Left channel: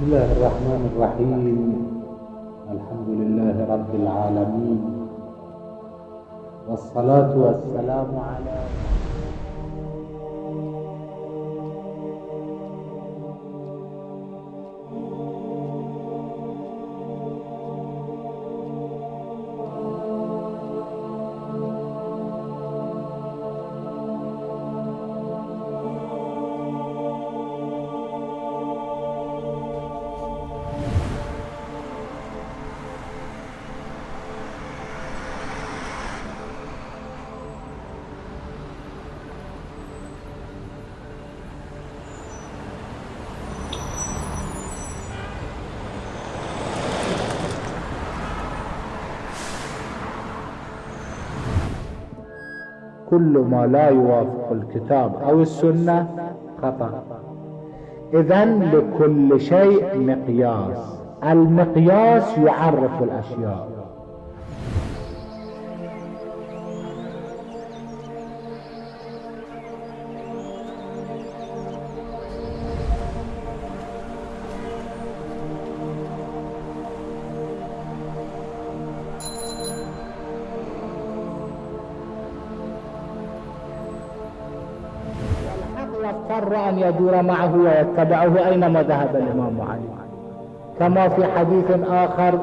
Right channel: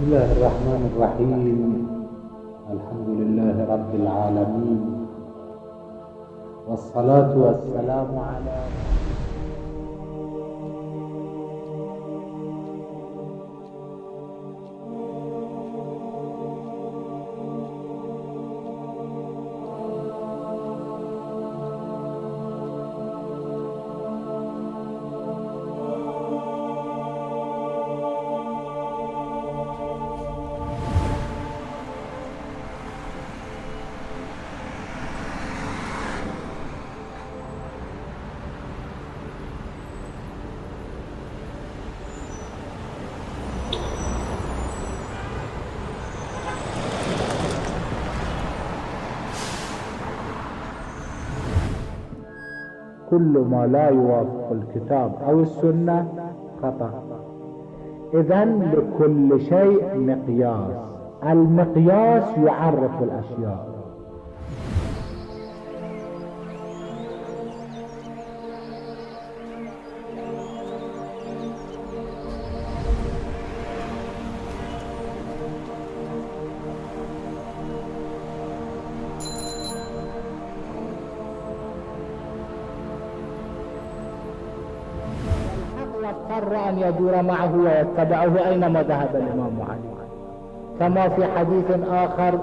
بسم الله الرحمن الرحيم. الحمد لله رب العالمين، والصلاة والسلام على كل ما لا يوافق الكتاب أو السنة خطأ. إذن لكل شيء مقياس، المقياس يعرف الأشياء. واضطر أن يدور معه ويتبعه أينما ذهب الإمام علي، كما في حديث آخر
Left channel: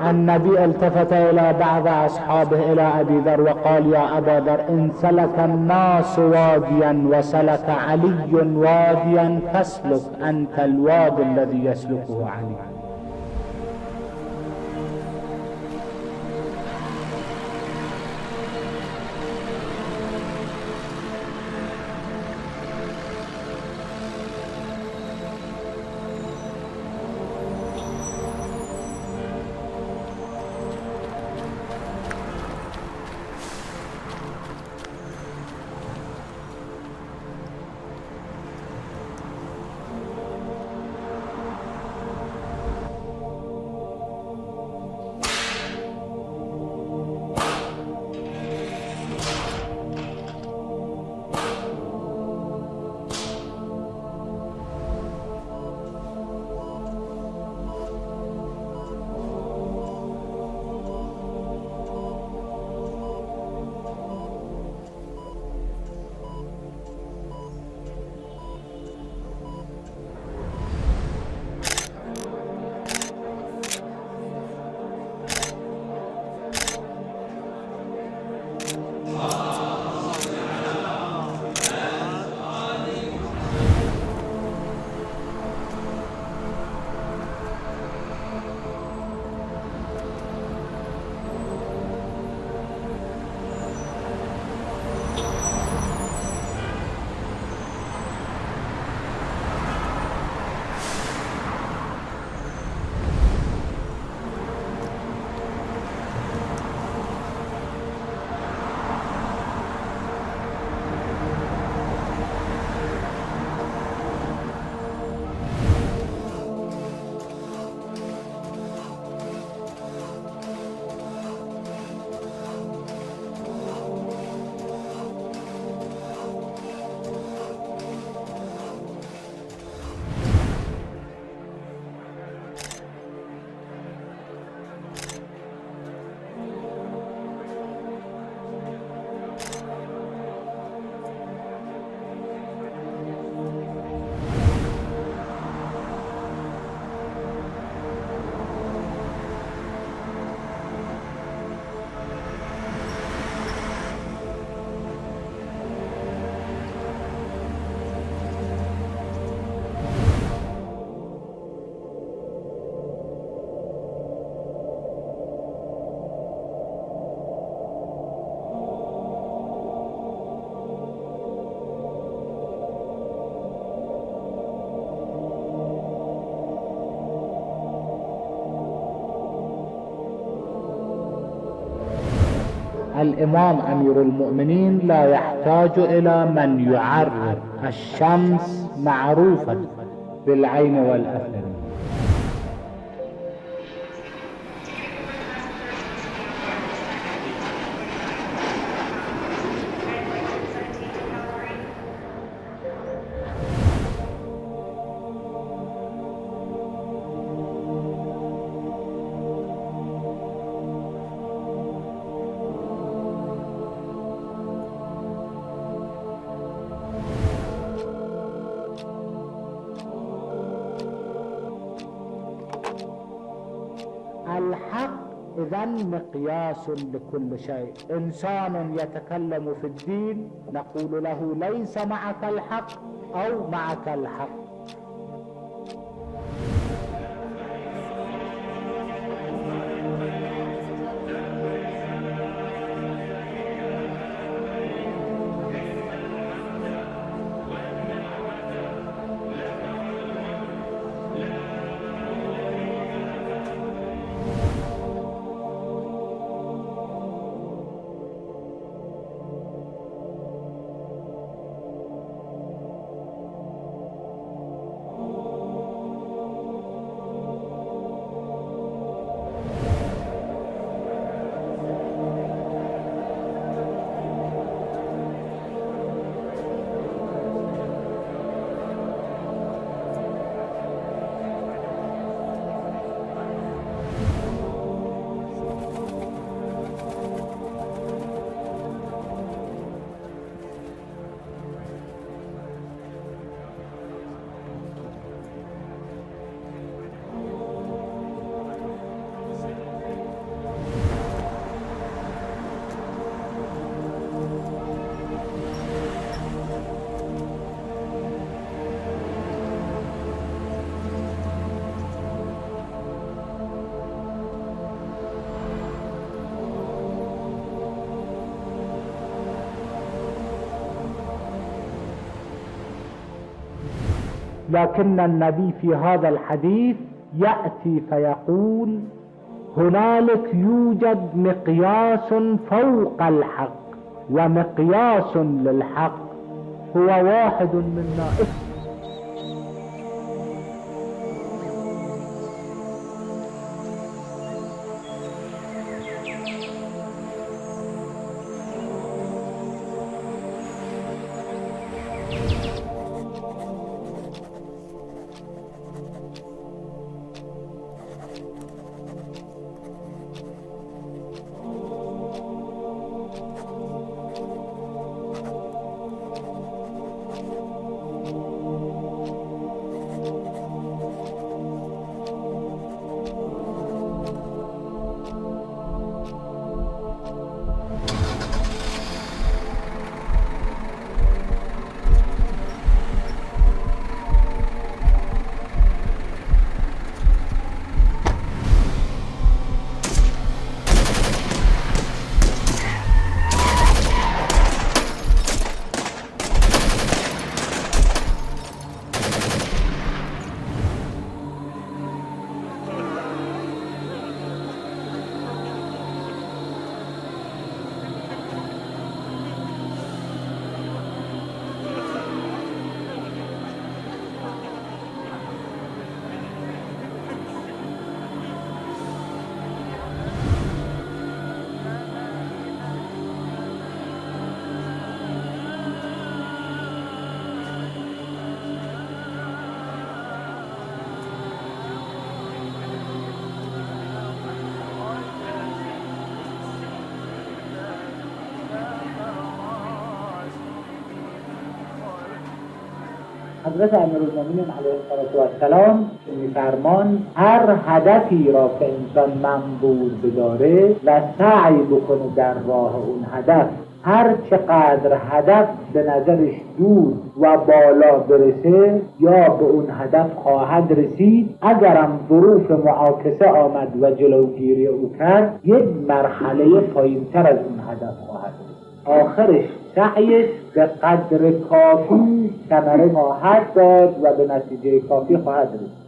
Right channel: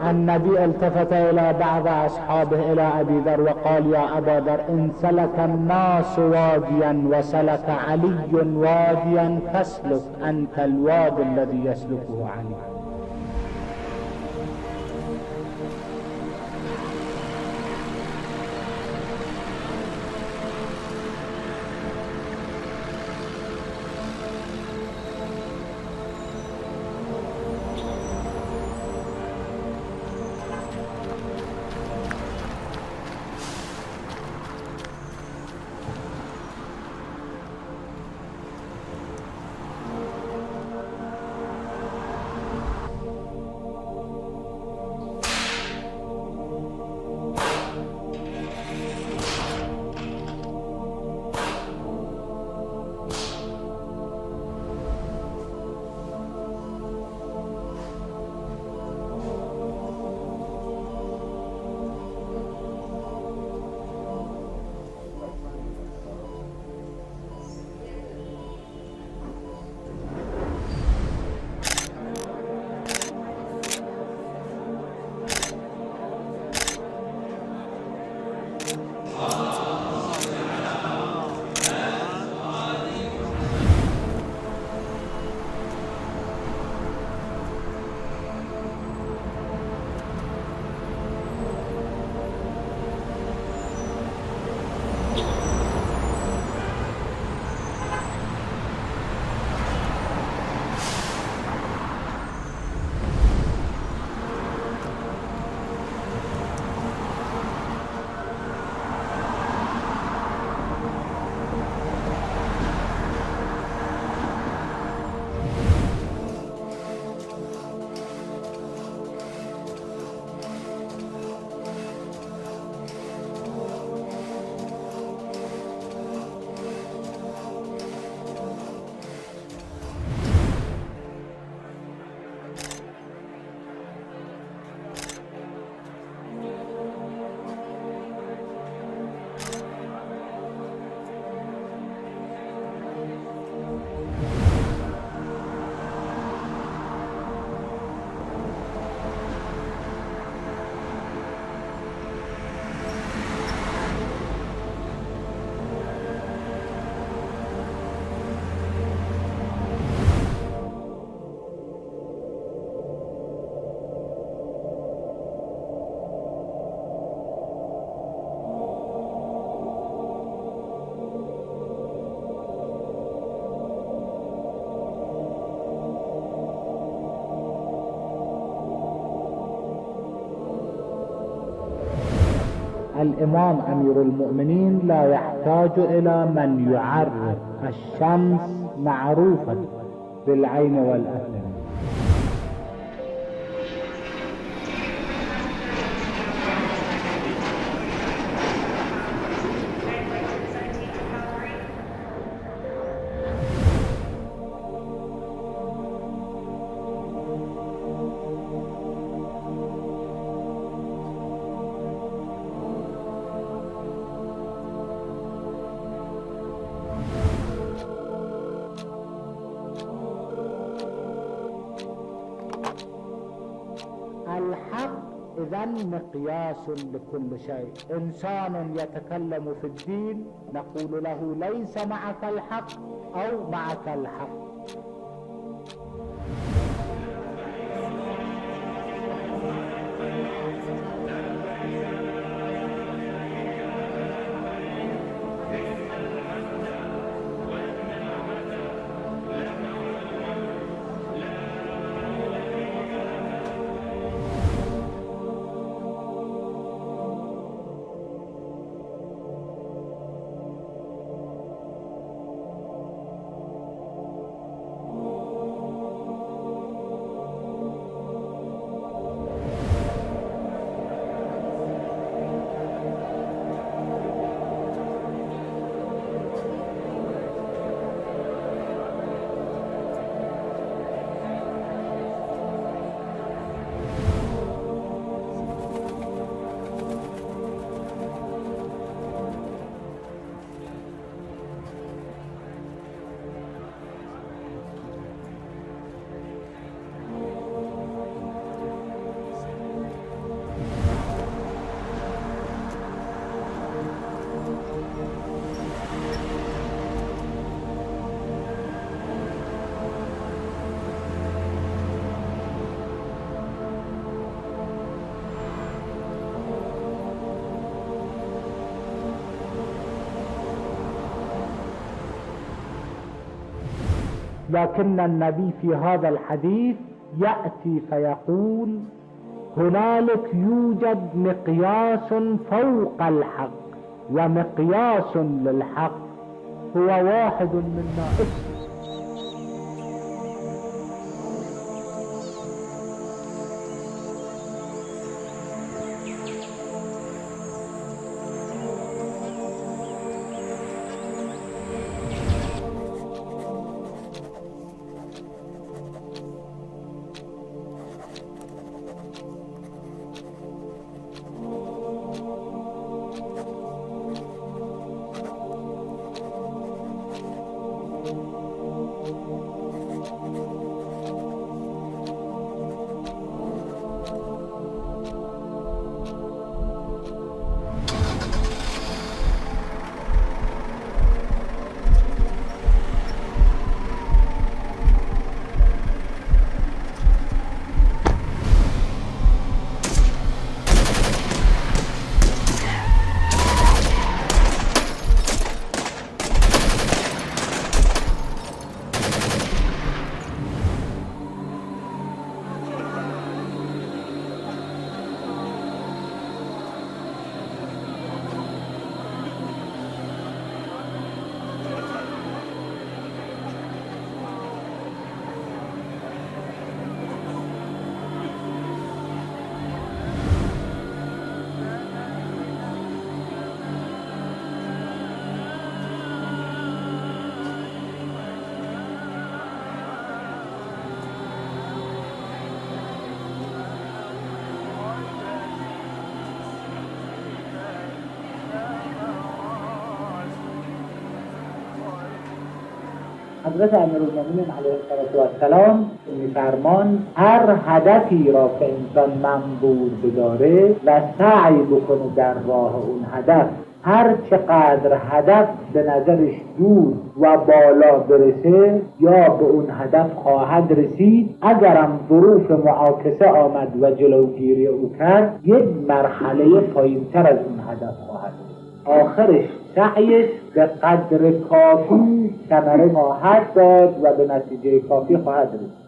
النبي التفت إلى بعض أصحابه إلى أبي ذر وقال: يا أبا ذر، إن سلك الناس واديا وسلك علي واديا فاسلك أنت الوادي الذي يسلكه علي. الإمام أمير المؤمنين لا يحتاج إلى من يعرف الشمس معروفة بالعين والأثر. إذن مقياس لكل شيء. إنسان يتكلم في الدين نقول له ليس معك الحق أو معك الحق. لكن النبي في هذا الحديث يأتي فيقول هنالك يوجد مقياس فوق الحق، ومقياس للحق هو واحد منا. حضرت امیرالمومنین علیه السلام میفرمان هر هدفی را که انسان منبوذ بداره و سعی بکنه در راه اون هدف، هر چقدر هدف به نظرش دور و بالا برسه یا به اون هدف خواهد رسید، اگرم ظروف معاکسه آمد و جلوگیری او کرد یک مرحله پایین‌تر از اون هدف خواهد رسید. آخرش سعیش به قدر کافی ثمره خواهد داد و به نتیجه کافی خواهد رسید.